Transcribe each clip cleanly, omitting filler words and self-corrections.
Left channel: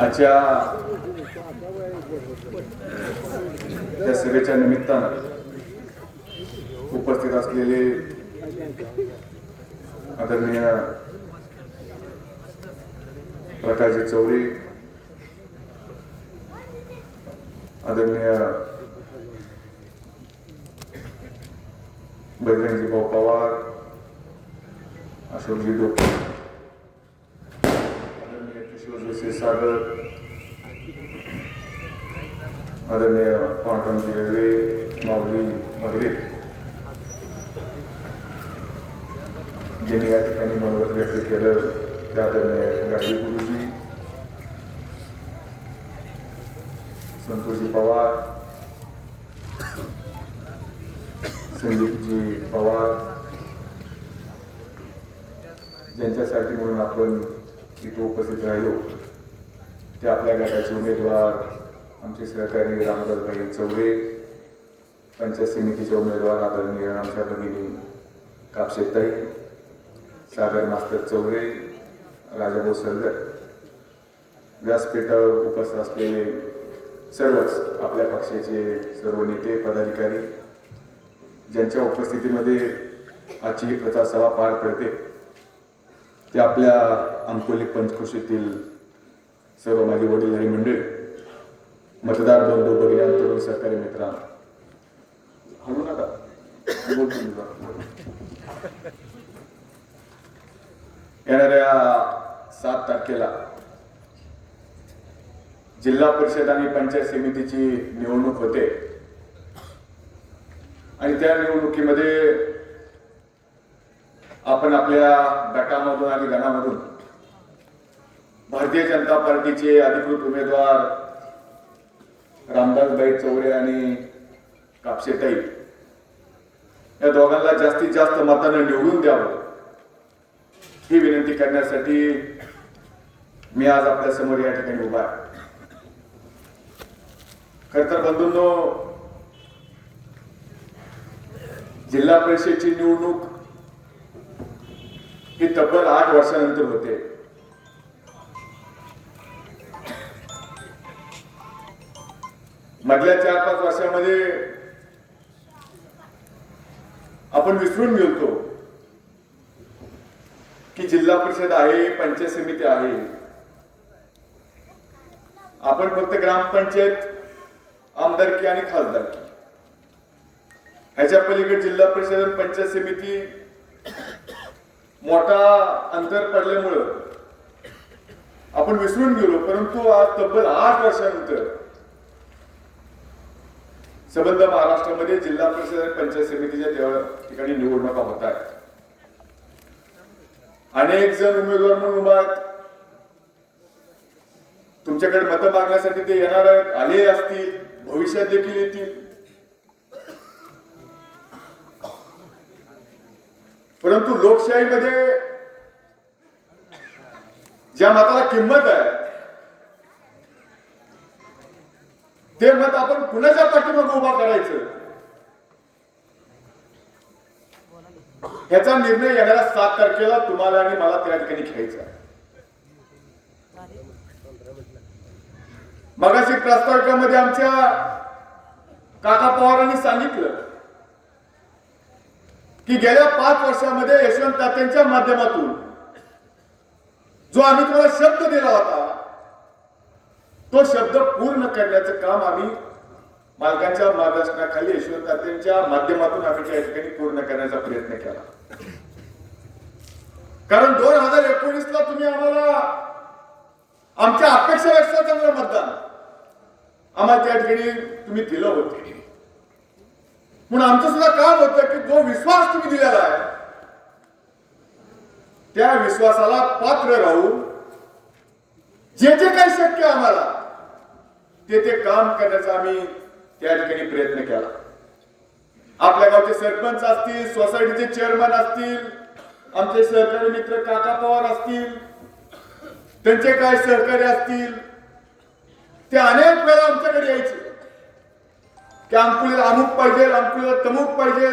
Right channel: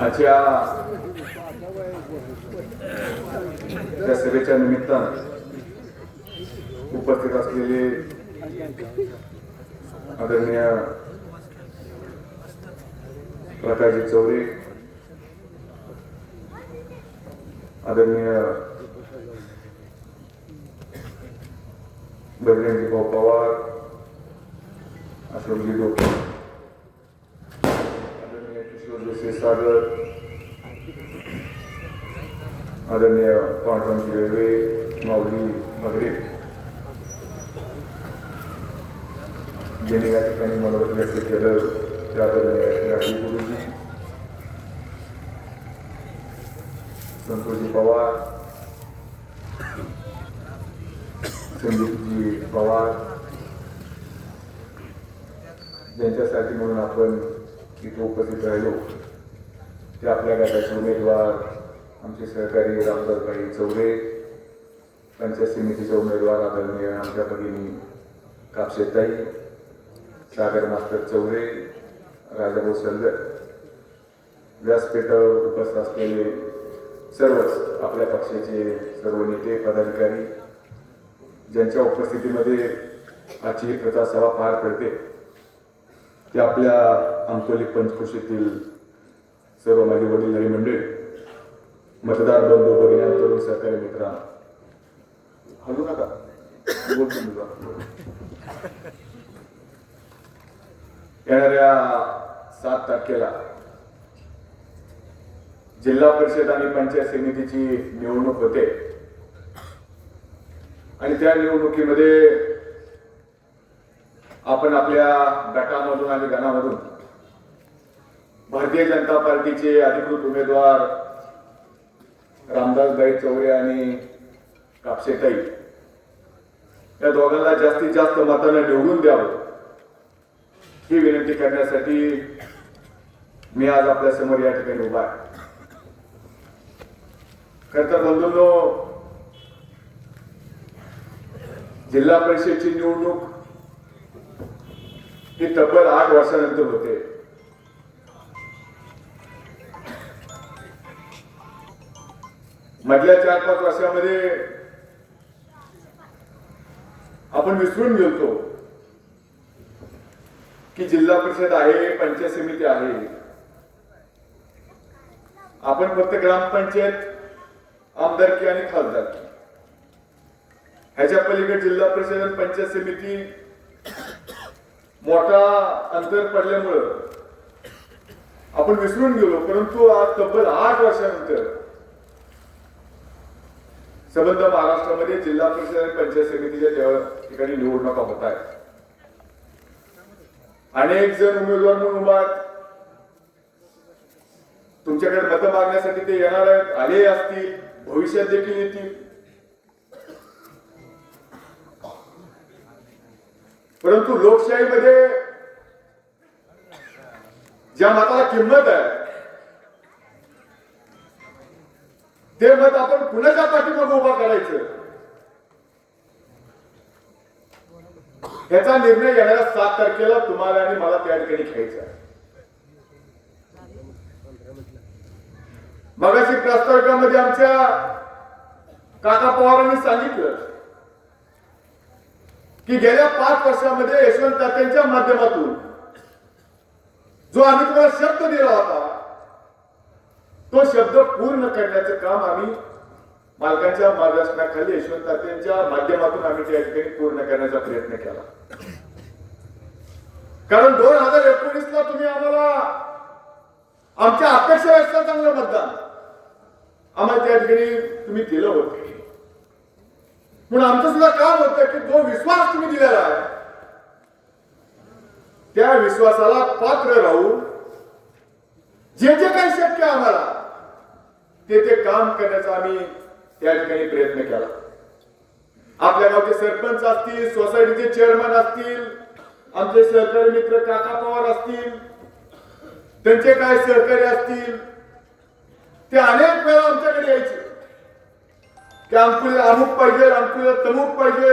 आजच्या त्या सभेच्या निमित्तानं उपस्थित असलेले आदरणीय प्रकाशजी चौरे, आदरणीय बजरंगी भाऊ पवार, अशोकजी डोके, आदरणीय किशोर सागर, आदरणीय पांडुरंग रेल्वे, माऊली मगरे, ज्यांनी या ठिकाणी मनोगत व्यक्त केलं त्या आदरणीय गाडी गुरुजी, संतोषजी पवार, संदीपजी पवार, ज्यांच्यासाठी म्हणून आपण इथे उपस्थित राहिलो ते आपल्या गटाचे उमेदवार आमचे सहकारी रामदासभाई चौरे, पंचायत समितीचे उमेदवार आदरणीय आमच्या भगिनी कापशेताई, सागर मास्तर चौरे, राजाभाऊ सलगर, व्यासपीठावर उपस्थित असलेले सर्वच आपल्या पक्षाचे सर्व नेते पदाधिकारी, ज्यांच्या उपस्थितीमध्ये आजची ही प्रचार सभा पार पडते ते आपल्या अंकोली पंचकृषीतील सर्व माझे वडीलधारी मंडळी, मतदार बंधू, भगिनी, तरुण सहकारी मित्र, हलू नका, येणाऱ्या 7 तारखेला जिल्हा परिषद आणि पंचायत समितीची निवडणूक होते आणि त्या निवडणुकीमध्ये आपण आपल्या गटामधून आणि गणामधून भारतीय जनता पार्टीचे अधिकृत उमेदवार रामदासभाई चौरे आणि कापशेताई या दोघांना जास्तीत जास्त मतांना निवडून द्यावं ही विनंती करण्यासाठी मी आज आपल्या समोर या ठिकाणी उभा आहे. खरं तर बंधूंनो, जिल्हा परिषदेची निवडणूक ही तब्बल 8 वर्षानंतर होते. मधल्या 4-5 वर्षामध्ये आपण विसरून गेलो की जिल्हा परिषद आहे, पंचायत समिती आहे. आपण फक्त ग्रामपंचायत, आमदारकी आणि खासदारकी ह्याच्या पलीकडे जिल्हा परिषद आणि पंचायत समिती मोठा अंतर पडल्यामुळं आपण विसरून गेलो. परंतु आज तब्बल 8 वर्षानंतर संबंध महाराष्ट्रामध्ये जिल्हा परिषद आणि पंचायत समितीच्या ठिकाणी निवडणुका होत आहेत. अनेक जण उमेदवार म्हणून उभा आहेत. तुमच्याकडे मतं मागण्यासाठी ते येणार आहेत, आले असतील, भविष्यात देखील येतील. परंतु लोकशाहीमध्ये ज्या मताला किंमत आहे ते मत आपण कुणाच्या पाठीमागे उभा करायचं याचा निर्णय येणाऱ्या 7 तारखेला तुम्हाला आणि मला त्या ठिकाणी घ्यायचा. मगाशी प्रास्ताविकामध्ये आमच्या काका पवारांनी सांगितलं की गेल्या 5 वर्षामध्ये यशवंत तात्यांच्या माध्यमातून जो आम्ही तुम्हाला शब्द दिला होता तो शब्द पूर्ण करण्याचं काम आम्ही मालकांच्या मार्गदर्शनाखाली यशवंत तात्यांच्या माध्यमातून आम्ही त्या ठिकाणी पूर्ण करण्याचा प्रयत्न केला. कारण 2019ला तुम्ही आम्हाला आमच्या अपेक्षेपेक्षा चांगलं मतदान आम्हाला त्या ठिकाणी तुम्ही दिलं होतं. म्हणून आमचं सुद्धा काम होतं की जो विश्वास तुम्ही दिलेला आहे त्या विश्वासाला पात्र राहून जे जे काही शक्य आम्हाला ते काम करण्याचा आम्ही त्या ठिकाणी प्रयत्न केला. आपल्या गावचे सरपंच असतील, सोसायटीचे चेअरमन असतील, आमचे सहकारी मित्र काका पवार असतील, त्यांचे काय सहकारी असतील, ते अनेक वेळा आमच्याकडे यायचे की अंकुलीला अमुक पाहिजे, अंकुलीला तमुक पाहिजे.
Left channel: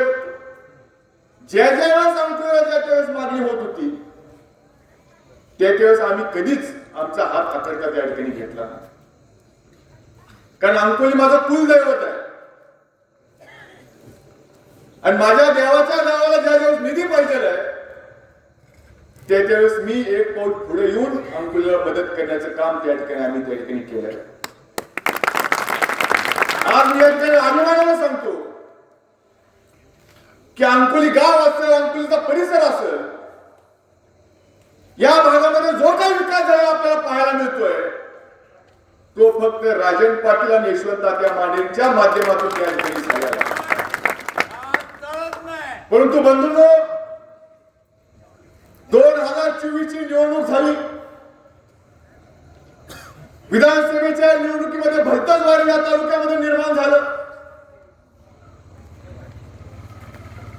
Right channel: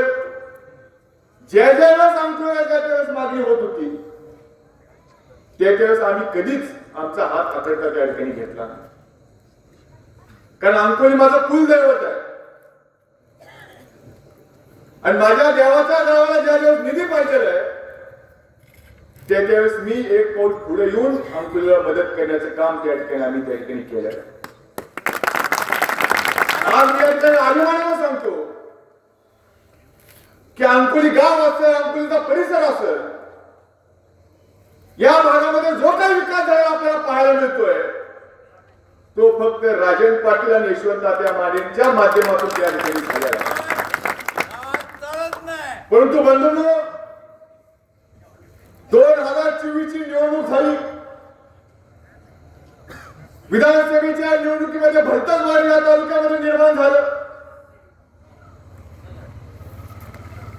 ज्या ज्या वेळेस अंकुलीला ज्या त्यावेळेस मागणी होत होती त्या त्यावेळेस आम्ही कधीच आमचा हात आखडता त्या ठिकाणी घेतला, कारण अंकोली माझं कुलदैवत आहे आणि माझ्या देवाच्या गावाला ज्या दिवस निधी पाहिजे त्यावेळेस मी एक पाऊल पुढे येऊन अंकोलीला मदत करण्याचं काम त्या ठिकाणी आम्ही त्या ठिकाणी केलं. आज मी या ठिकाणी अभिमानाने सांगतो की अंकोली गाव असेल, अंकोलीचा परिसर असेल, या भागामध्ये जो काही विकास झाला आपल्याला पाहायला मिळतोय तो फक्त राजन पाटील आणि यशवंत तात्या मानेंच्या माध्यमातून त्या ठिकाणी झालेला आहे. परंतु बंधूंनो, 2024 ची निवडणूक झाली. विधानसभेच्या निवडणुकीमध्ये भरतच वाढ या तालुक्यामध्ये निर्माण झालं.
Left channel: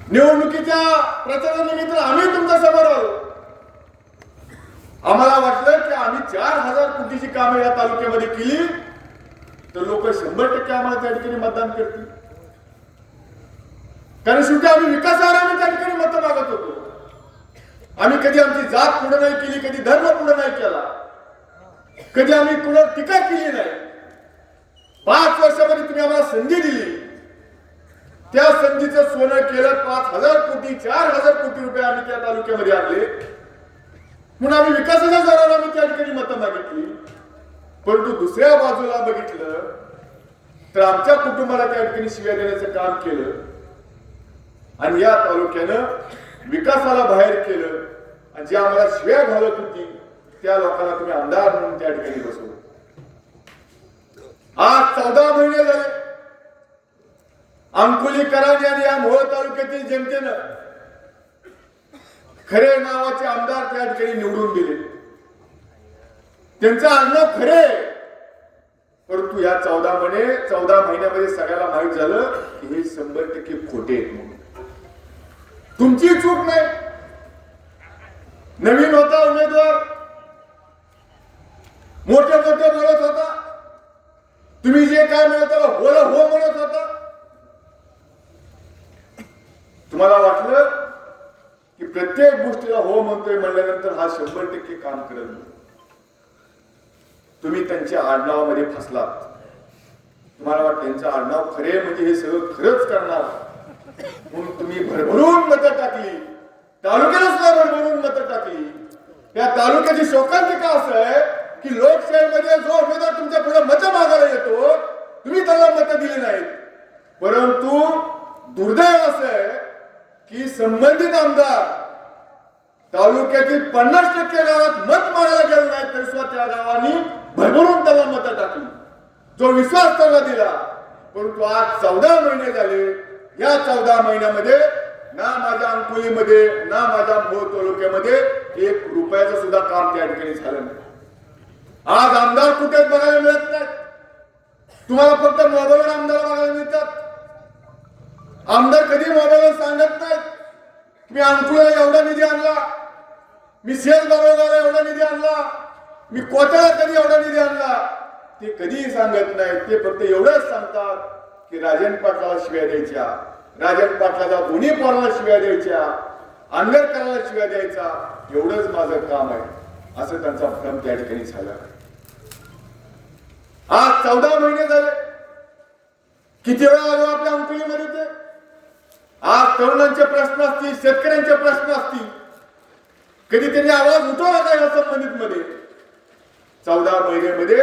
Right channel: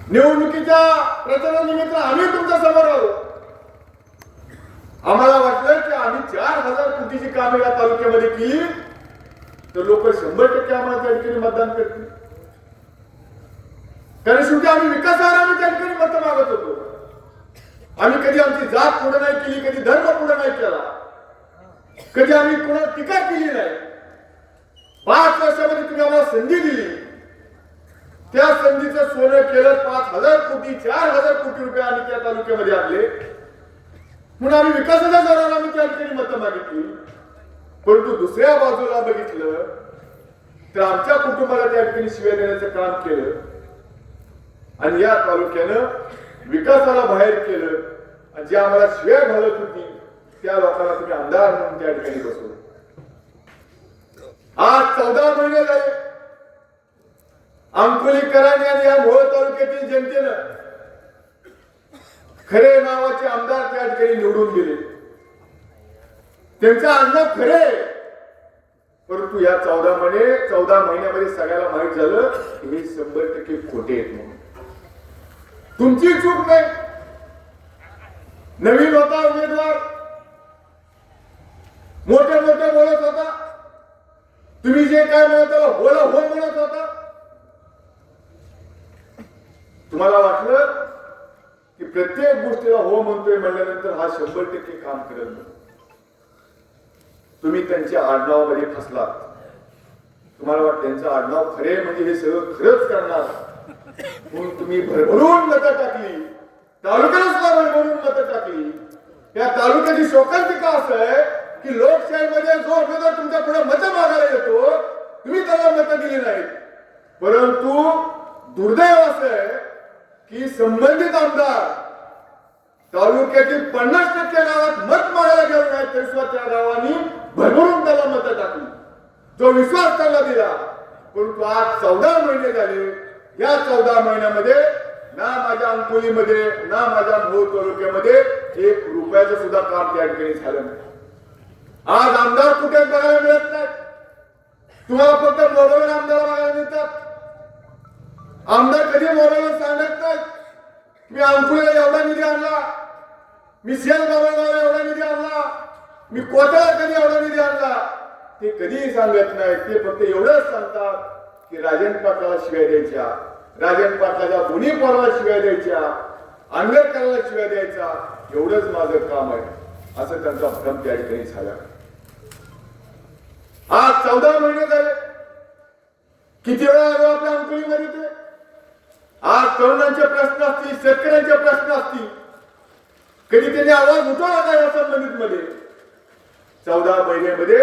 निवडणुकीच्या प्रचारानिमित्त आम्ही तुमच्या समोर आलो. आम्हाला वाटलं की आम्ही 4,000 कोटीची कामे या तालुक्यामध्ये केली तर लोक 100% आम्हाला त्या ठिकाणी मतदान करतील, कारण शेवटी आम्ही विकासावर आम्ही त्या ठिकाणी मत मागत होतो. आम्ही कधी आमची जात पुढे नाही केली, कधी धर्म पुढे नाही केला, कधी आम्ही कुणावर टीका केली नाही. 5 वर्षामध्ये तुम्ही आम्हाला संधी दिली, त्या संधीचं सोनं केलं. 5,000 कोटी 4,000 कोटी रुपये आम्ही त्या तालुक्यामध्ये आणले म्हणून आम्ही विकासाच्या जोरावर आम्ही त्या ठिकाणी मतं मागितली. परंतु दुसऱ्या बाजूला बघितलं तर आमच्या कुटुंबाला त्या ठिकाणी शिव्या देण्याचं काम केलं आणि या तालुक्यानं विकासाला बाहेर केलं आणि जे आम्हाला शिव्या घालत होती त्या लोकांना तुम्ही आमदार म्हणून त्या ठिकाणी बसवलं. आज 14 महिने झाले अंकोलीकरांनी आणि या मोहोळ तालुक्यातील जनतेनं खरे नावाचे आमदार त्या ठिकाणी निवडून दिले. त्यांचं आडनाव खरे, परंतु या 14 महिन्यामध्ये सगळ्याला माहित झालं की हे 100% खोटे आहेत म्हणून. तुमची चूक नाही. नवीन होता उमेदवार, मोठे बोलत होता, तुम्ही जे काय म्हणत बोला हो म्हणत होता. तुम्हाला वाटलं की प्रत्येक गोष्टीला हो म्हणतोय म्हणल्यानंतर हा 100% काम करेल. तुम्ही त्यांच्या आडनावामध्ये फसलात. तुम्हाला वाटतं त्यांचं आडनाव खरे म्हणजे हे सगळं खरंच करणार म्हणून तुम्ही भरभरून मतं टाकली. तालुक्याला सुद्धा भरभरून मतं टाकली. या तालुक्याची शोकांतिका असं आहे की लोकशाहीमध्ये जो उमेदवार तुमच्या पुढे मतं मागायला येतो तुम्ही त्याला मतं दिली नाहीत. परंतु दुर्दैव असं आहे की संबंधित आमदार तालुक्यातील 50% गावात मत मागायला गेले नाहीत तरी सुद्धा त्या गावांनी भरभरून त्याला मतं टाकली, जो विश्वास त्याला दिला. परंतु आज 14 महिने झाले. या 14 महिन्यामध्ये ना माझ्या अंकोलीमध्ये ना माझ्या मोहोळ तालुक्यामध्ये 1 रुपयाचं सुद्धा काम त्या ठिकाणी झालं नाही. आज आमदार कुठे बघायला मिळत नाहीत. तुम्हाला फक्त मोबाईलवर आमदार बघायला मिळतात. आमदार कधी मोबाईलवर सांगत नाहीत मी अंकुलीला एवढा निधी आणला, मी शेलगावला एवढा निधी आणला, मी कोथळा कधी एवढा निधी आणला. ते कधीही सांगत नाहीत. ते फक्त एवढंच सांगतात की राजन पाटलाला शिव्या द्यायच्या, राजन पाटलाच्या दोन्ही पोराला शिव्या द्यायच्या, आंबेडकराला शिव्या द्यायचा, एवढंच माझं काम आहे असं त्यांचा भ्रम त्या ठिकाणी झाला. आज 14 महिने झाले. किती वेळा आलो आपल्या अंकुलीमध्ये ते. आज तरुणांचे प्रश्न असतील, शेतकऱ्यांचे प्रश्न असतील, कधी त्यांनी आवाज उठवला काय या संबंधित मध्ये. 14 महिन्यामध्ये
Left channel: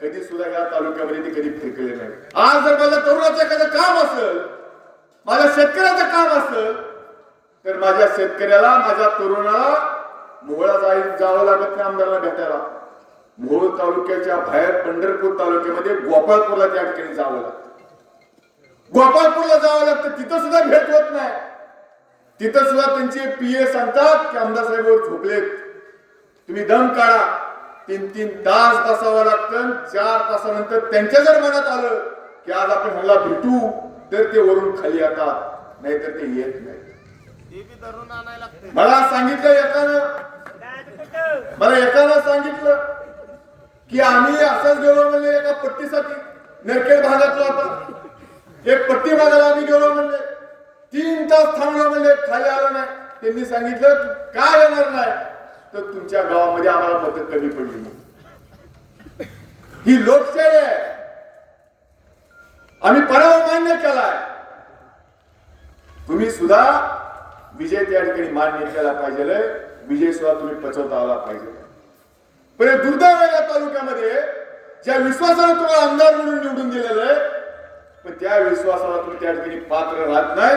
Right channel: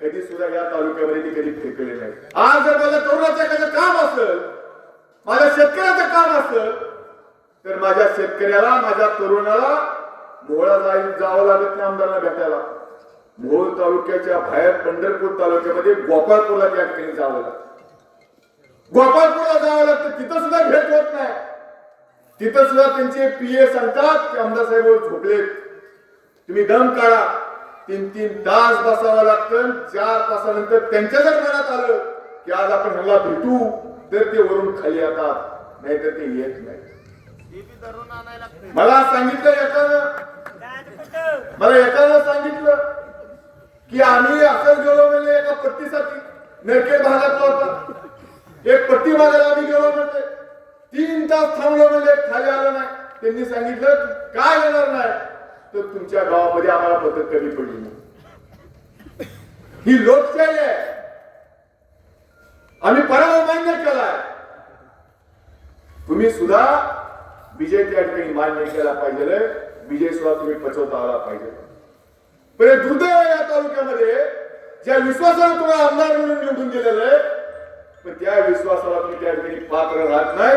कधी सुद्धा या तालुक्यामध्ये ते कधी फिरकले नाही. आज जर माझ्या तरुणाचं एखादं काम असेल, माझ्या शेतकऱ्याचं काम असेल तर माझ्या शेतकऱ्याला, माझ्या तरुणाला मोहोळला जावं लागत नाही आमदारांना भेटायला. मोहोळ तालुक्याच्या बाहेर पंढरपूर तालुक्यामध्ये गोपाळपूरला त्या ठिकाणी जावं लागतं. गोपाळपूरला जावं लागतं, तिथं सुद्धा भेट होत नाही. तिथं सुद्धा त्यांचे पीए सांगतात की आमदार साहेब झोपलेत, तुम्ही दम काढा. 3-3 तास बसावं लागतं. 4 तासानंतर त्यांच्या जर मनात आलं की आज आपण ह्याला भेटू तर ते वरून खाली येतात, नाहीतर ते येत नाही. मला सांगितलं एकानं सांगितलं की आम्ही असंच गेलो म्हणजे एका पट्टीसाठी नरखेड भागातला होता. एक पट्टी मागायला आम्ही गेलो म्हणजे 3 तास थांबलो म्हणजे खाली आला नाही. त्यांनी सांगितलं काय येणार नाही तर तुमच्या गावामध्ये आम्हाला पद्धत कमी पडली. ही लोकशाही आहे. आम्ही पराभव मान्य केलाय. तुम्ही सुद्धा विजय त्या ठिकाणी मान्य केला पाहिजे. विजय सुद्धा तुम्ही पचवता आला पाहिजे. पण हे दुर्दैव आहे या तालुक्यामध्ये, ज्या विश्वासाने तुम्हाला आमदार म्हणून निवडून दिलेलं आहे, पण त्या विश्वासाला तुम्ही त्या ठिकाणी पात्र राहत नाही.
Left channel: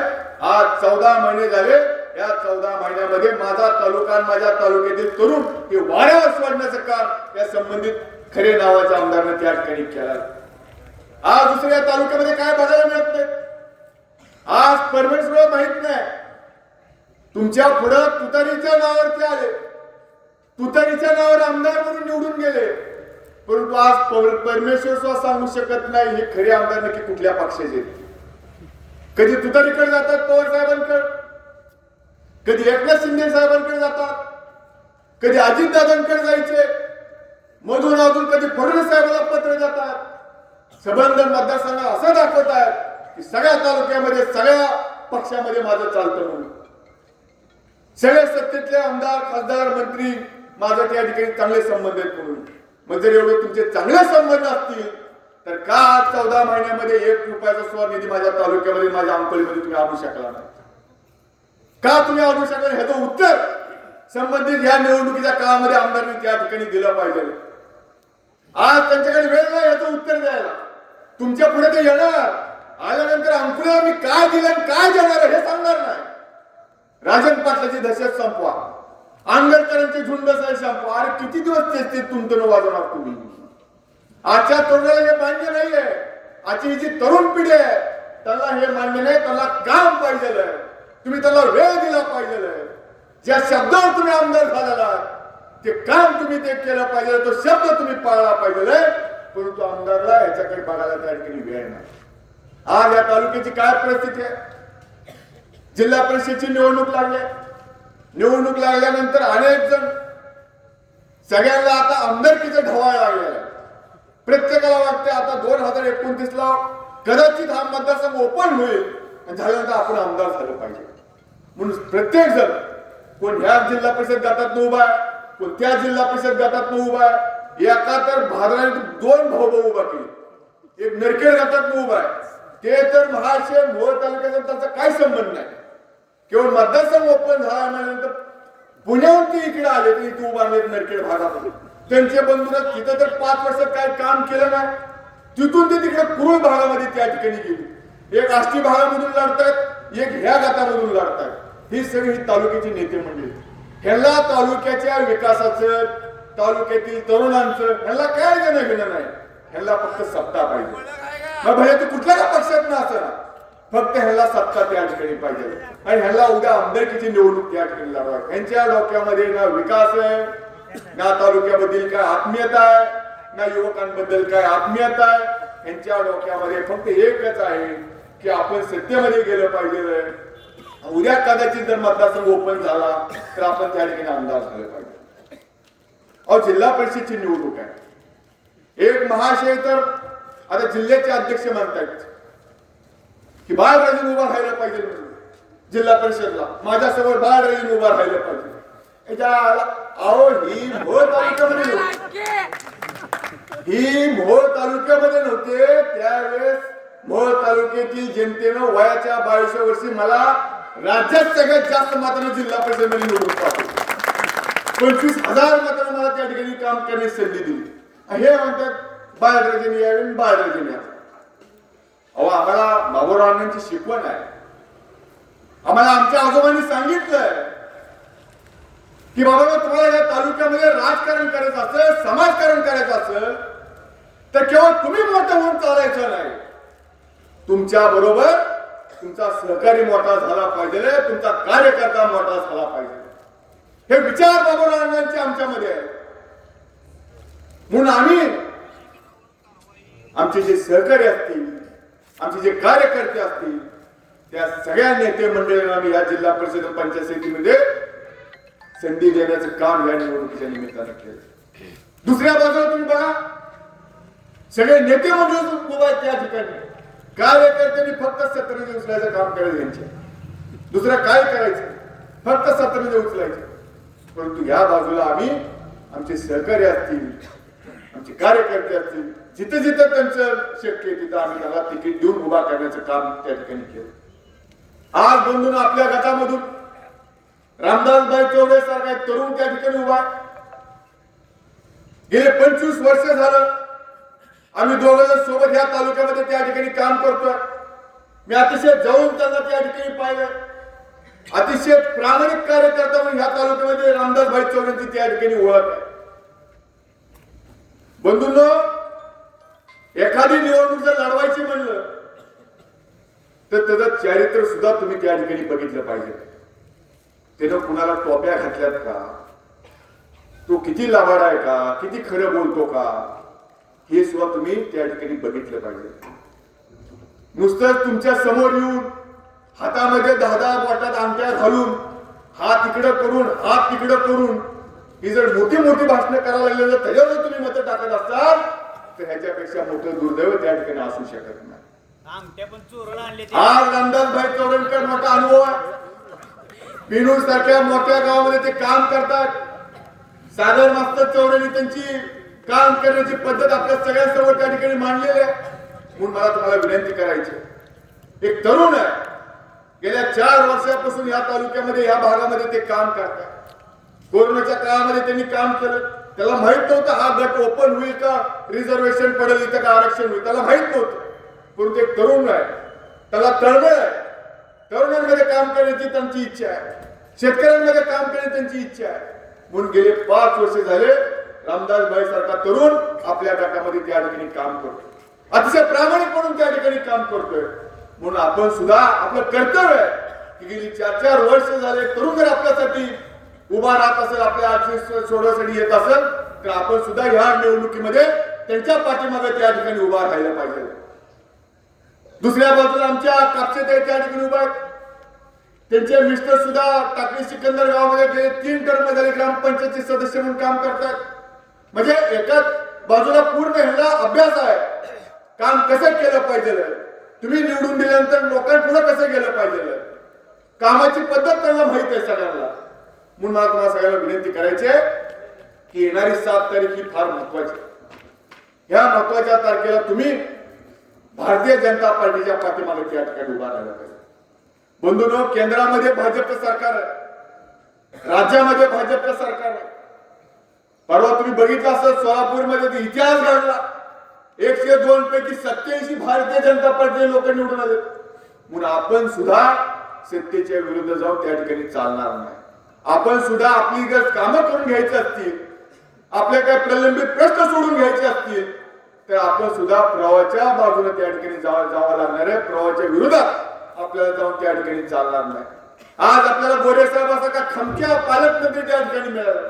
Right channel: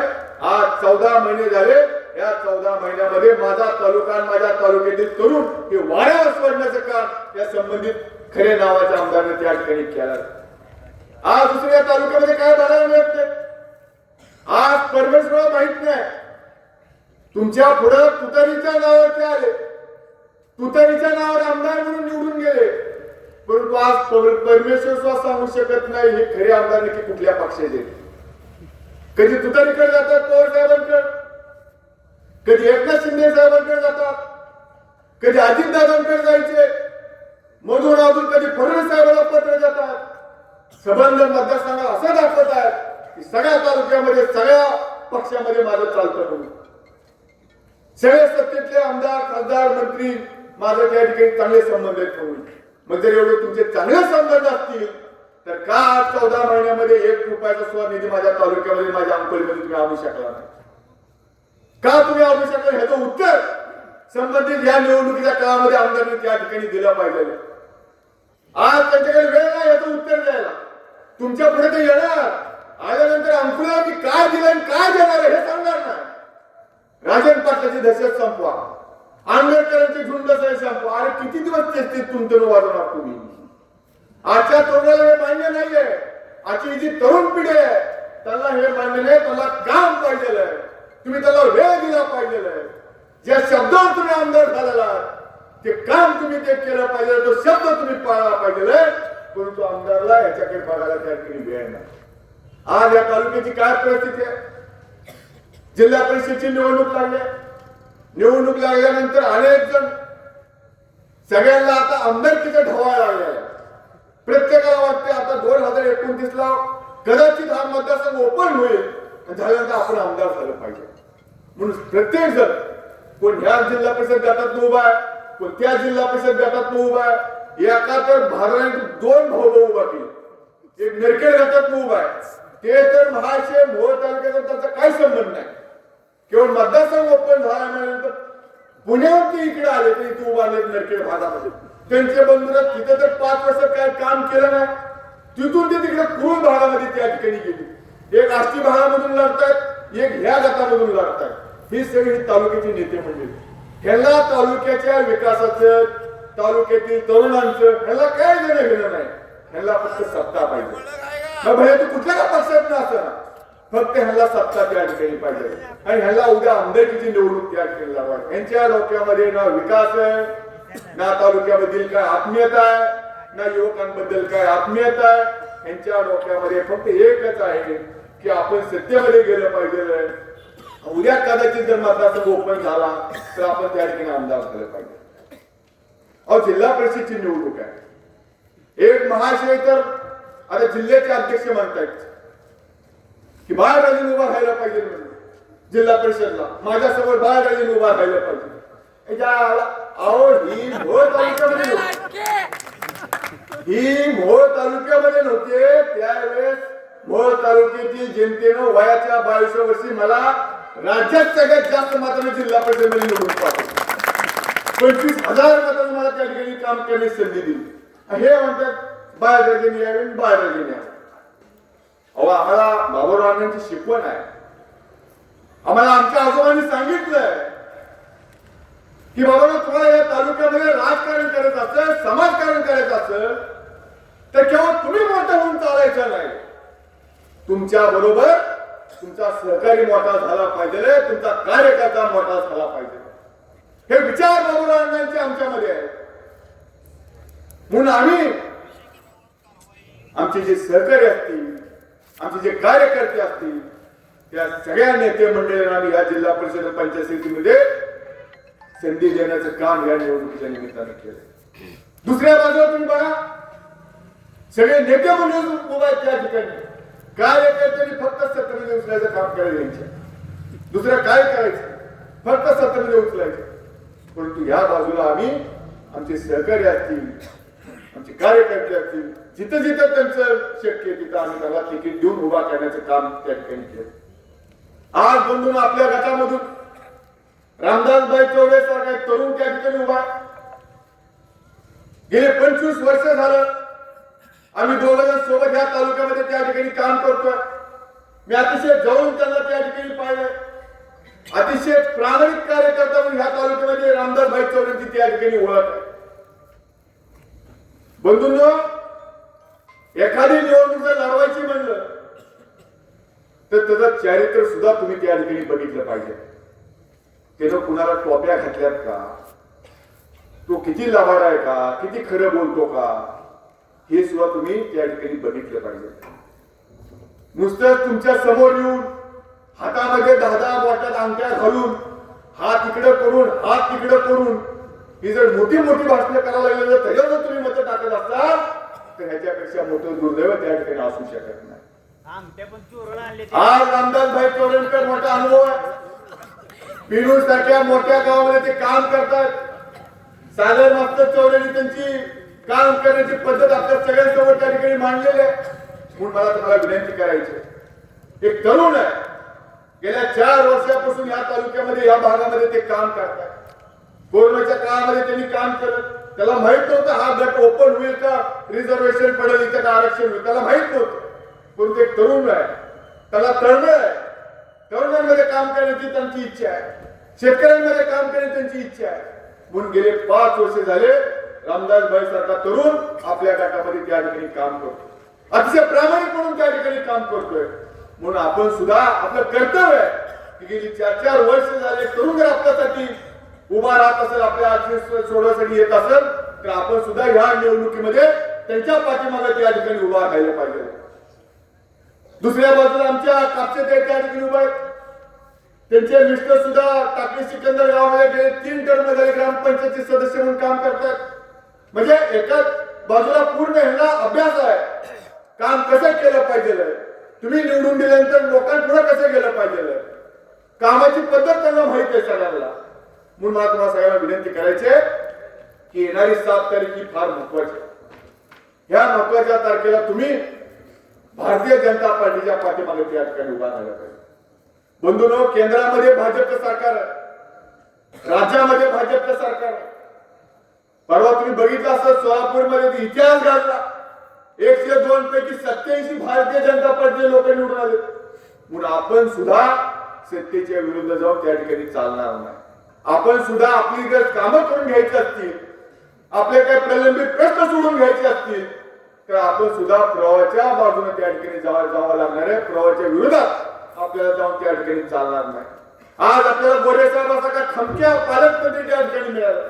आज 14 महिने झाले. या 14 महिन्यामध्ये माझा तालुका, माझ्या तालुक्यातील तरुण हे वाऱ्यावर सोडण्याचं काम या संबंधित खरे नावाच्या आमदारांनी त्या ठिकाणी केलं. आज दुसऱ्या तालुक्यामध्ये काय बघायला मिळत नाही. आज परमेश्वर माहित नाही. तुमच्या पुढे तुतारीच्या नावावरती आले, तुतारीच्या नावावर आमदार म्हणून निवडून गेले, परंतु आज परमेश्वर सुद्धा सांगू शकत नाही हे खरे आमदार नक्की कुठल्या पक्षाचे. कधी तुतारीकडे जातात पवार साहेबांकडे, कधी एकनाथ शिंदे साहेबांकडे जातात, कधी अजितदादांकडे जायचे, मधून अजून कधी फडणवीस साहेबांना पत्र जातात. संबंध मतदारसंघ असं दाखवतात की सगळ्या तालुक्यामध्ये सगळ्या पक्षामध्ये माझं चालतं म्हणून. सगळे सत्तेतले आमदार, खासदार, मंत्री माझं त्या ठिकाणी चांगले संबंध आहेत म्हणून. मग जर एवढे तुमचे चांगले संबंध असतील तर का 14 महिन्यामध्ये 1 रुपयाचा सुद्धा निधी माझ्या तालुक्यामध्ये, माझ्या अंकलमध्ये तुम्ही आणू शकला नाही? का तुम्ही आणू शकला? ह्याचं उत्तर संबंधित या निवडणुकीच्या काळामध्ये आमदारांनी त्या ठिकाणी दिलं पाहिजे. आज त्यांच्याकडे वेळ नाही याचं उत्तर द्यायला. तुमच्या पुढे ते येणार, आल्यानंतर अंकुला मी काय दिलं आणि काय देणार हे सांगणार नाही. राजन पाटलाची दहशत संपवा, आंबेडकरांची झुंड संपवा. अरे किती दिवस ते तुमचं वाजवणार तुम्ही? आजच्या तरुणाला हे मान्य नाहीये. आजची जी तरुण पिढी आहे त्यांना हे मान्य नाही. त्यांना काम पाहिजे, तुम्ही त्याला वेळ दिला पाहिजे. ज्या शब्दावर तुम्ही आमदार झालेला ते काम तुम्ही ते केलं पाहिजे, तो शब्द तुम्ही पाळला पाहिजे. परंतु आमदारला याच्याकडे बघायला त्या ठिकाणी वेळ नाही. आज या तालुक्याची काय परिस्थिती आहे? जिल्हा परिषदेची निवडणूक लागली. निवडणूक लागल्यानंतर अनेक जण सगळ्यांना आता आमदारकीचं ढवायला लागलेलं आहे. प्रत्येकाला वाटते आता 2029ला कदाचित हा मतदारसंघ ओपन होईल आणि झाल्यानंतर आपण आमदार झालं पाहिजे म्हणून प्रत्येक जण, कोण ह्या जिल्हा परिषद गटात उभा आहे, कोण त्या जिल्हा परिषद गटात उभा आहे. एका तर भागाने 2 भाऊ उभा केले. एक नरखेड गटात उभा आहे, ते तर महाशय मोहोळ तालुक्याचा त्याचा काही संबंध नाही. केवळ मतदारसंघ ओपन झाल्यानंतर पुण्याहून ते इकडे आले तर इथे उभा आहेत नरखेड भागामध्ये. त्यांचे बंधू तिथे तर 5 वर्ष काय काम केलं नाही. तिथून ते तिकडे पूर्व भागामध्ये त्या ठिकाणी गेले. एक आष्टी भागामधून लढतायत, एक ह्या गटामधून लढतायत. ही सगळी तालुक्याची नेते मंडळी. ह्याला तालुक्याच्या विकासाचं, तालुक्यातील तरुणांचं ह्याला काय देणं घेणं नाही. ह्याला फक्त सत्ता पाहिजे. मग भले तू कुठल्या पक्षात नसताना फक्त ह्याला सत्ता त्या ठिकाणी पाहिजे. आणि ह्याला उद्या आमदारकीची निवडणूक त्या ठिकाणी लढवायची. यांच्या डोक्यामध्ये ना विकास आहे, ना तालुक्याबद्दल काय आत्मीयता आहे, ना युवकांबद्दल काय आत्मीयता आहे. यांच्या डोक्यामध्ये फक्त एकच आहे की आपण सत्तेमध्ये गेलं पाहिजे. उद्या कदाचित जर मतदारसंघ ओपन झाला तर आपण त्या ठिकाणी आमदार झालं पाहिजे. अहो, जिल्हा परिषदची निवडणूक आहे. एक महाशय तर आता जिल्ह्याचे अध्यक्ष म्हणतायत की बाळराजेंनी उभा राहायला पाहिजे म्हणून जिल्हा परिषदला. माझ्यासमोर बाळराजेंनी उभा राहायला पाहिजे. अहो, ही मोहोळ तालुक्यामध्ये नव्हते त्यावेळेस. मोहोळ तालुक्यातील जनतेनं वयाच्या 22 वर्षी मला राज्यात सगळ्यात जास्त मतांनी जिल्हा परिषदेमध्ये निवडून पाठवलं. 25,000 मतांनी मला त्या ठिकाणी काम करण्याची संधी दिली. हे म्हणतात बाळराजेंनी यावे, बाळराजेंनी यावे. अहो, आम्हाला बाबूरावांची शिकवण आहे. आम्हाला आमच्या आजोबांनी सांगितलंय की बाबा तुम्हाला या तालुक्यामध्ये राजकारण करायचं असेल, समाजकारण करायचं असेल तर केवळ तुम्ही मोठं होऊन चालायचं नाही. तुमच्या बरोबर तुमचा सहकारी मोठा झाला पाहिजे, तुमचा कार्यकर्ता मोठा झाला पाहिजे. हे विचार बाबूरावांचे आमच्यामध्ये आहे. म्हणून आम्ही आमचे जे सहकारी असतील, आमचे जे कार्यकर्ते असतील, त्या सगळ्या नेते मंडळींना आम्ही या जिल्हा परिषद पंचायत समितीमध्ये संधी देण्याचं काम या निवडणुकीच्या निमित्तानं केलं. दुसऱ्या बाजूला तुम्ही बघा, सगळे नेते मंडळी उभा आहेत त्या ठिकाणी. कार्यकर्त्यांनी फक्त सत्तेने उचलायचं काम करायचं. यांच्या दुसरं काय करायचं, फक्त सत्तेने उचलायचं. परंतु या बाजूला आम्ही आमचे सहकारी असतील, आमचे कार्यकर्ते असतील, जिथं जिथं त्यांचं शक्य आहे तिथं आम्ही त्याला तिकीट देऊन उभा करण्याचं काम त्या ठिकाणी केलं. आज बंधून आपल्या गटामधून रामदासभाई चौरे सारखा एक तरुण त्या ठिकाणी उभा. गेले 25 वर्ष झालं आम्ही दोघं सोबत ह्या तालुक्यामध्ये त्या ठिकाणी काम करतोय. मी अतिशय जाऊन त्यांना त्या ठिकाणी पाहिलंय. अतिशय प्रामाणिक कार्यकर्ता म्हणून ह्या तालुक्यामध्ये रामदासभाई चौरेंची त्या ठिकाणी ओळख आहे. बंधूंनो, एखादी निवडणूक जर लढवायची म्हणलं तर त्याचं चारित्र्य सुद्धा तुम्ही त्या ठिकाणी बघितलं पाहिजे. त्यानं कुणाला टोप्या घातल्यात का, तो किती लबाड आहे का, किती खरं बोलतो का, हे सुद्धा तुम्ही त्या ठिकाणी बघितलं पाहिजे. नुसतंच तुमच्या समोर येऊन हातामध्ये 10 बोटात अंगठ्या घालून हात इकडे करून हात तिकडे करून ही जर मोठी मोठी भाषणं करायला लागली तर त्याच्यावर तुम्ही मतं टाकत असाल तर ह्याच्यापेक्षा मोठं दुर्दैव त्या ठिकाणी असू शकत नाही. आज रामदासभाई चौरेंकर मोठा अनुभव आहे. पिनूर सारख्या मोठ्या गावामध्ये ते काम करतात. सागर मास्तर चौरेंनी त्यांची काम करण्याची पद्धत आपल्या सगळ्यांसमोर त्या ठिकाणी मांडलेली आहे. म्हणून मला तुम्हाला विनंती करायची, एक तरुण आहे, गेल्या 4 वर्षापासून या तालुक्यामध्ये या भागामध्ये ते काम करतात. कोरोनाच्या काळामध्ये त्यांनी काम केलं. त्याला माहित नव्हतं हा गट ओपन होईल का, रिझर्वेशन पडेल इथं का आरक्षण होईल, त्याला माहित नव्हतं. परंतु एक तरुण आहे, त्याला तळमळ आहे. तरुणांमध्ये काम करण्याची त्यांची इच्छा आहे, शेतकऱ्यांमध्ये काम करण्याची त्यांची इच्छा आहे. म्हणून गेले 5 वर्ष झाले रामदासभाई सारखा तरुण आपल्या गटामध्ये त्या ठिकाणी काम करतो. अतिशय प्रामाणिक म्हणून त्या ठिकाणी काम करतोय. म्हणून आपण सुद्धा आपलं कर्तव्य आहे की गेली 4 वर्ष झाले तरुण जर आपल्यासाठी उभा राहत असेल, आपल्या आर्थिक सोडवण्यासाठी येत असेल तर आपण सुद्धा ह्या निवडणुकीमध्ये त्यांच्या पाठीमागे त्या ठिकाणी उभा राहायला पाहिजे. दुसऱ्या बाजूला आमच्या कापसे त्या ठिकाणी उभा आहेत. त्यांचे मिस्टर सुद्धा टाकळी सिकंदर गावामध्ये गेले 3 टर्म झाले ग्रामपंचायतचे सदस्य म्हणून काम करतात. म्हणजे एका बाजूला पूर्ण ह्याला अभ्यास आहे, काम कसं केलं पाहिजे, तुम्ही निवडून दिल्यानंतर लोकांपुढे कसं गेलं पाहिजे, कामाची पद्धत त्यांना माहित आहे सगळ्यांना. म्हणून मला तुम्हाला सगळ्यांना विनंती करायची आहे की येणारी 7 तारीख ही फार महत्वाची. ह्या महत्वाच्या तारखेला तुम्ही भारतीय जनता पार्टीच्या पाठीमागे त्या ठिकाणी उभा राहिला पाहिजे. बंधूंनो, केंद्रामध्ये भाजपचं सरकार आहे, राज्यामध्ये भाजपचं सरकार आहे. परवा तुम्ही बघितलं असं सोलापूरमध्ये इतिहास घडला. 102 पैकी 87 भारतीय जनता पार्टीचे लोक निवडून आले. म्हणून आपण सुद्धा सत्तेच्या विरुद्ध जाऊन त्या ठिकाणी चालणार नाही. आपण सुद्धा आपली जर कामं करून घ्यायची असतील, आपले काही प्रलंबित प्रश्न सोडून घ्यायचे असतील तर आपण सुद्धा प्रवाहाच्या बाजूने त्या ठिकाणी जावं लागणार आहे. प्रवाहाच्या विरोधात आपल्याला जाऊन त्या ठिकाणी चालणार नाही. आज आपल्याला गोरे साहेब असा का खमक्या पालकमंत्री त्या ठिकाणी मिळाला,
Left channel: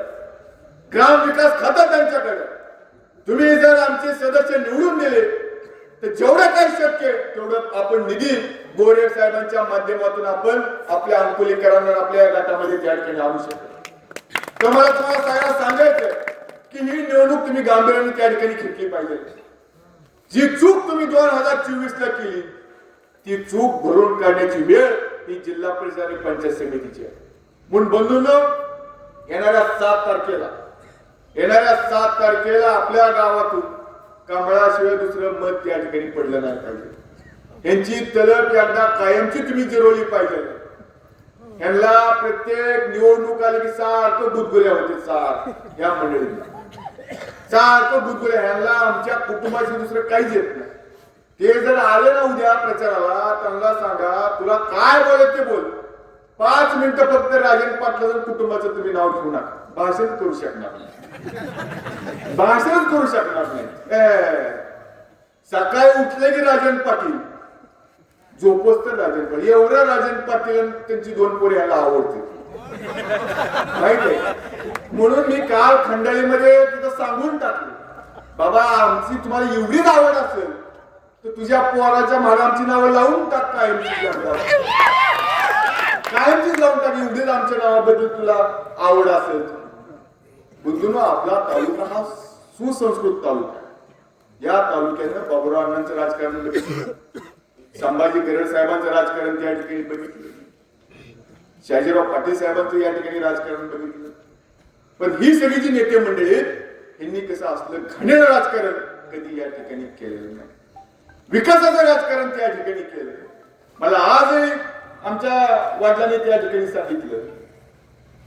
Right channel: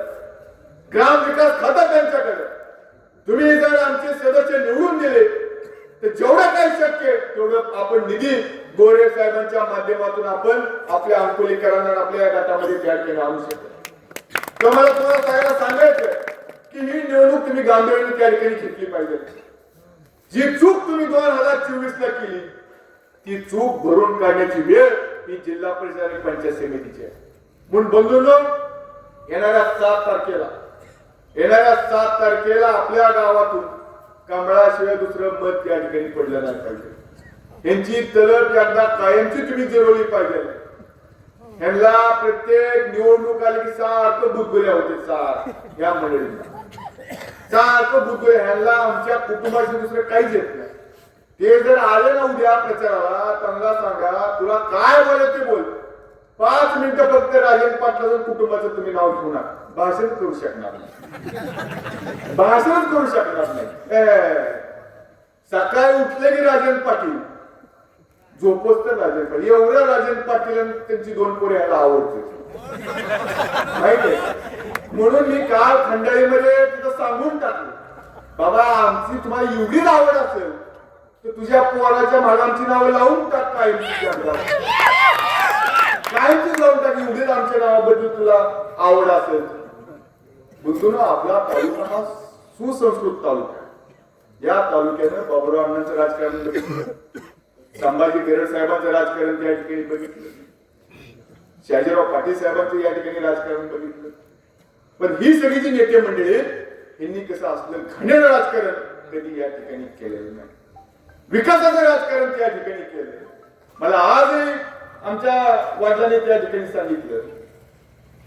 ग्राम विकास खातं त्यांच्याकडे. तुम्ही जर आमचे सदस्य निवडून दिले तर जेवढं काही शक्य तेवढं आपण निधी गोरे साहेबांच्या माध्यमातून आपण आपल्या अंकुलीकरांना आपल्या गटामध्ये त्या ठिकाणी आणू शकतो. तुम्हाला सगळ्यांना सांगायचं की ही निवडणूक तुम्ही गांभीर्याने त्या ठिकाणी घेतली पाहिजे. जी चूक तुम्ही 2024 ला केली ती चूक भरून काढण्याची वेळ ही जिल्हा परिषद आणि पंचायत समितीची आहे. म्हणून बंधूंनो, येणाऱ्या 7 तारखेला आपल्या गावातून कमळाशिवाय दुसरं मत त्या ठिकाणी पडलं नाही पाहिजे. यांची तलब एकदा कायमची तुम्ही जिरवली पाहिजे. ह्यांना प्रत्येक निवडणूक आली की सारखं बुदगुल्या होते, या मंडळींना सारखं बुदगुल्या. ह्यांना आमच्या कुटुंबाशी दुसरं काहीच येत नाही. ते जर आले ना उद्या प्रचाराला, त्यांना सांगा तुला काय बोलायचं ते बोल, 5 मिनिटं फक्त राजन पाटलाचं कुटुंबाचं तुम्ही नाव घेऊ नका. भाषण करू शकणार नाही, भाषणच करू शकणार नाही. सकाळी उठले की राजन पाटील, झोपच तर राजन पाटील. एवढं राजन पाटील त्यांची 2 पोरी यायला आवडते माहिती आहे. म्हणून मी काल खंडाळीमध्ये तिथं सांगून टाकलं, बाबा आमची तुम्हाला एवढीच आवड असेल तर तुझ्या पोराच्या मागे आमची नावं लावून टाक, कायमची लावून टाक, एवढीच आमच्या नावाबद्दल तुला आवड असेल. बुद्धून आपला तालुका हा सुसंस्कृत तालुका आहे. या तालुक्यानं बाबुराव अण्णांचं राजकारण बघितलं, संभाजी गरड साहेबांचं राजकारण त्या ठिकाणी बघितलं, शाजीराव पाटील साहेबांचं या ठिकाणी राजकारण बघितलं. पण ही सगळी जी नेते मंडळी यांनी कसं असलं घाणेरडं राजकारण कधी या ठिकाणी केलेलं नाही. विकासाचं राजकारण त्या ठिकाणी केलं. मला आजही आमच्या वडिलांनी त्या ठिकाणी सांगितलं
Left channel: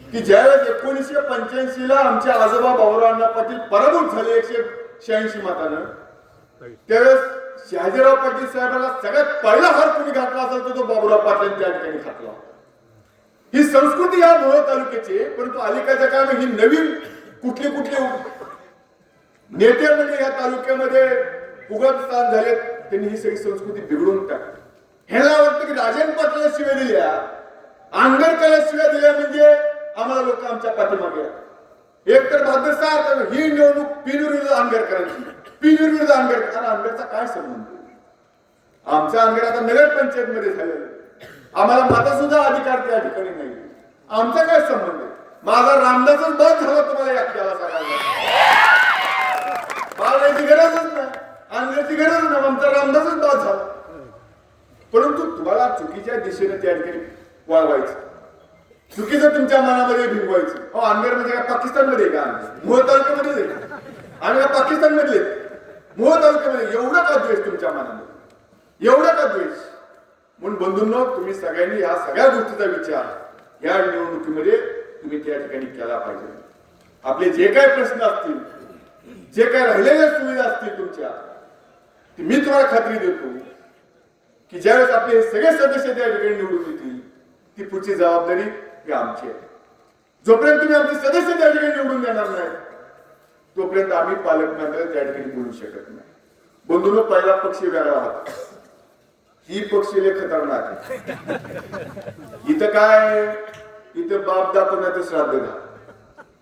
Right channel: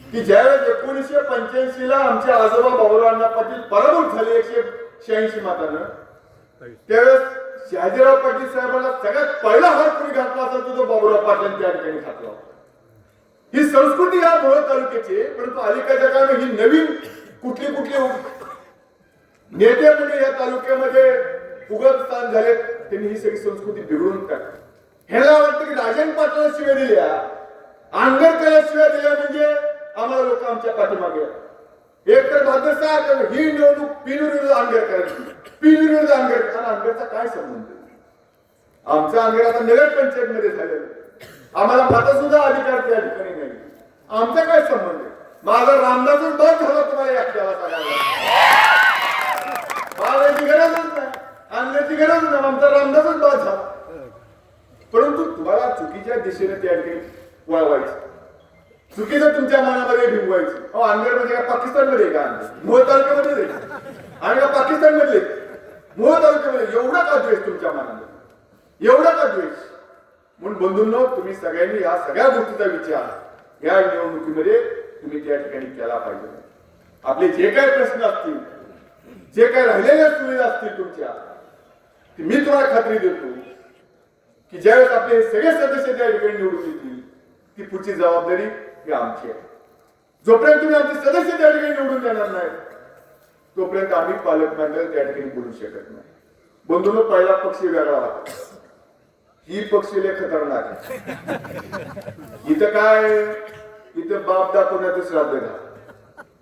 की ज्यावेळेस 1985 ला आमचे आजोबा बाबुराव अण्णा पाटील पराभूत झाले 186 मतानं, त्यावेळेस शहाजीराव पाटील साहेबांना सगळ्यात पहिला हात तुम्ही घातला असाल तर तो बाबुराव पाटील त्या ठिकाणी घातला. ही संस्कृती या मोहोळ तालुक्याची, परंतु अलीकडच्या काळात ही नवीन कुठली नेते म्हणजे या तालुक्यामध्ये उगत स्थान झाले, त्यांनी ही सगळी संस्कृती बिघडून टाकली. ह्याला वाटतं की राजन पाटलाला शिव्या दिल्या, आंगरकरला शिव्या दिल्या म्हणजे आम्हाला लोक आमच्या पाठीमागे. एक तर बहादूर साहेब ही निवडणूक पिनविरुद्ध आंगरकरांची, पिनविरुद्ध आंगरकर. आंगरचा काय संबंध? आमचा आंगर आता नगर पंचायत मध्ये झालेलं, आम्हाला माता सुद्धा अधिकार त्या ठिकाणी नाही. आमचा काय संबंध आहे? माझा रामदासच बाद झाला तुम्हाला याला सांगायला. बाळाची गरजच नाही, आंगरची गरज नाही, आमचा रामदासच बाद झाला. परंतु तुम्हाला चुकीच्या दिशेने त्या ठिकाणी वळवायचं, चुकीचं तुमच्या मनामध्ये भिंगवायचं. अहो आंबेर म्हणजे काय पाकिस्तानमध्ये का? मोहोळ तालुक्यामध्ये आम्ही पाकिस्तान मधले मोहोळ तालुक्यामध्ये एवढा का द्वेष तुमच्या मनामध्ये, एवढा का द्वेष? म्हणून बंधूंनो, तुम्ही सगळ्यांनी या सगळ्या गोष्टीचा विचार या निवडणुकीमध्ये तुम्ही त्या ठिकाणी केला पाहिजे. आपले जे काही प्रश्न असतील, जे काही राहिलेल्या सुविधा असतील तुमच्या, मी तुम्हाला खात्री देतो की ज्यावेळेस आपले सगळे सदस्य त्या ठिकाणी निवडून येतील, ती पुढची जबाबदारी ही आमची आहे. जोपर्यंत तुम्ही आमचे सदस्य त्या ठिकाणी निवडून देणार नाही, तोपर्यंत आम्ही पालकमंडळ त्या ठिकाणी बोलू शकत नाही. बंधूंनो, पहिला पक्ष वेगळा होता, ही पक्ष लय खतरनाक आहे. इथं काय, इथं बाप दाखवण्याचं श्राद्ध घ्या.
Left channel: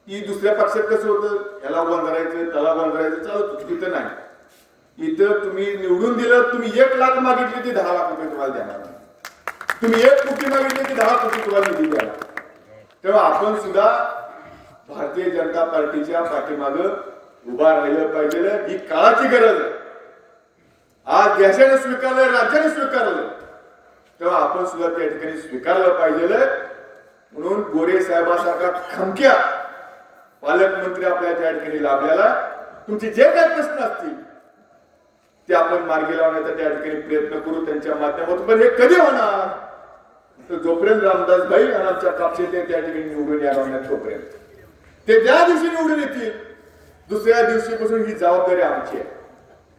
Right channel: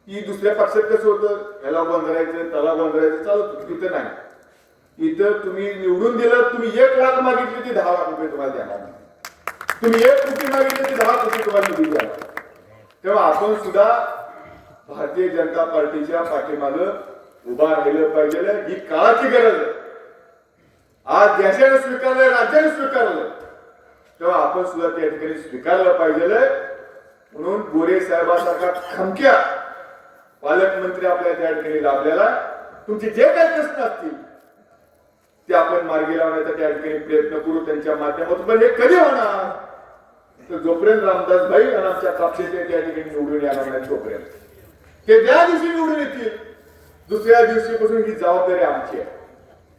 ही दुसऱ्या पक्षात कसं होतं, ह्याला बांधायचं त्याला बांधायचं चालत होतं. इथं नाही. इथं तुम्ही निवडून दिलं, तुम्ही 1 लाख मागितली ती 10 लाख रुपये तुम्हाला देणार नाही. तुम्ही 1 कोटी मागितली ती 10 कोटी तुम्हाला निधी द्या. तेव्हा आपण सुद्धा भारतीय जनता पार्टीच्या पाठीमागं उभा राहिलं पाहिजे. ही काळाची गरज आहे. आज देशाने स्वीकारलंय, राज्याने स्वीकारलं, तेव्हा आपण सुद्धा त्या ठिकाणी स्वीकारलं पाहिजे. म्हणून गोरे साहेबांसारखा खमक्या पालकमंत्री आपल्या त्या ठिकाणी लाभलेला, तुमचे जे काही प्रश्न असतील ते आपण मार्गी लावण्याचा त्या ठिकाणी प्रयत्न करू त्यांच्या माध्यमातून. पण हे कधी होणार? तर जोपर्यंत रामदास भाई आणि आमच्या कापसेचे त्या ठिकाणी निवडून येणार नाही, तोपर्यंत. ते ज्या दिवशी निवडून येतील, दुसऱ्या दिवशीपासून ही जबाबदारी आमची आहे.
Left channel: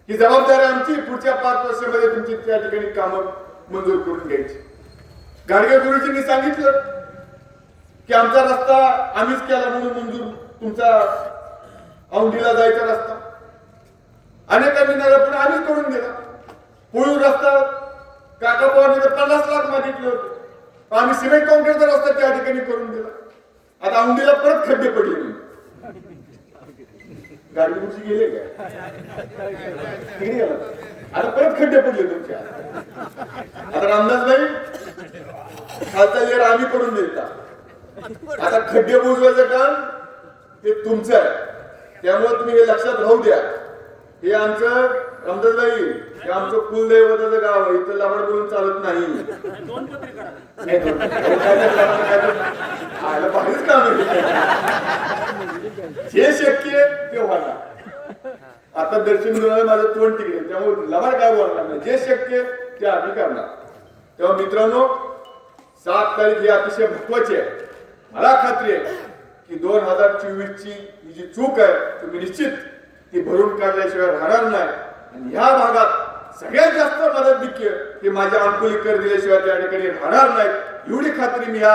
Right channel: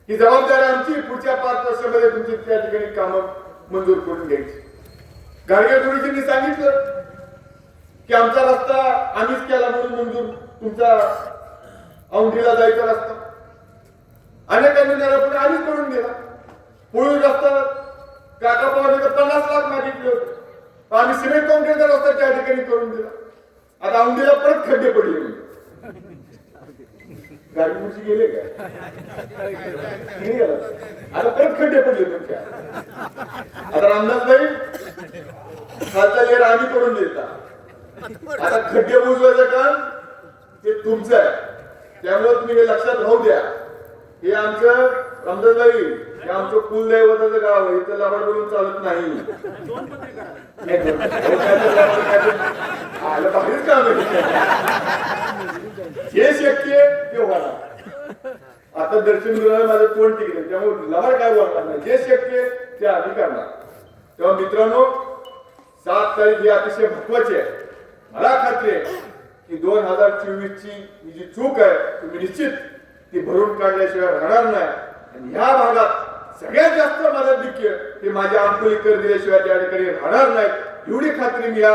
ही जबाबदारी आमची पुढच्या 5 वर्षामध्ये तुमची त्या ठिकाणी कामं मंजूर करून घ्यायची. गाडगे गुरुजींनी सांगितलं की आमचा रस्ता आम्हीच केला म्हणून मंजूर, तुमचा औंढीला जायचा रस्ता अनेकांनी नेला पण आम्हीच करून दिला. पुळूर रस्ता काका पवारांनी 50 लाख मागितले होते, आम्ही सिमेंट कॉन्क्रीटचा रस्ता त्या ठिकाणी करून दिला. आता औंढीला परत खड्डे पडले. गाडी गुरुजी गेले काय? आता परत खड्डे पडले तुमच्या. आता रामदास भाई खालचा लेर आम्ही करून देता. आता खड्डे बुजवायचं काम ते तुमचं आहे. त्यामुळे तुम्ही हे लक्षात राहू द्या. हे आमचं रामदासबाई, हे आमचं कुलदैवताचं गाव आहे. इथं लावड बोलून चालत नाही. भारीच काम आहे. जे शक्य आहे ते होणार. आता दर्शन मिळालं माझं तोंड टिकलं, त्यामुळे लबाड काय बोलणार नाही. जे शक्य आहे ते आम्ही करणार. तेव्हा मित्रांनो, 7 तारीख ही अतिशय महत्वाची आहे. मला खात्री आहे की 2024 ची ही जी चूक आहे तुम्ही निश्चित ती भरून काढल्याशिवाय राहणार नाही. आणि ह्या भागात सगळ्यात जास्त मदत दिक्य ते माझ्या अंकुलीकर दिल्याशिवाय त्या ठिकाणी राहणार नाहीत, एवढी खात्री मी या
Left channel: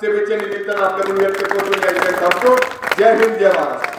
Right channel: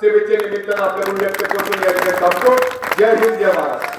सभेच्या निमित्तानं आपल्याकडून व्यक्त करतो. त्या ठिकाणी सांगतो. जय हिंद, जय महाराष्ट्र.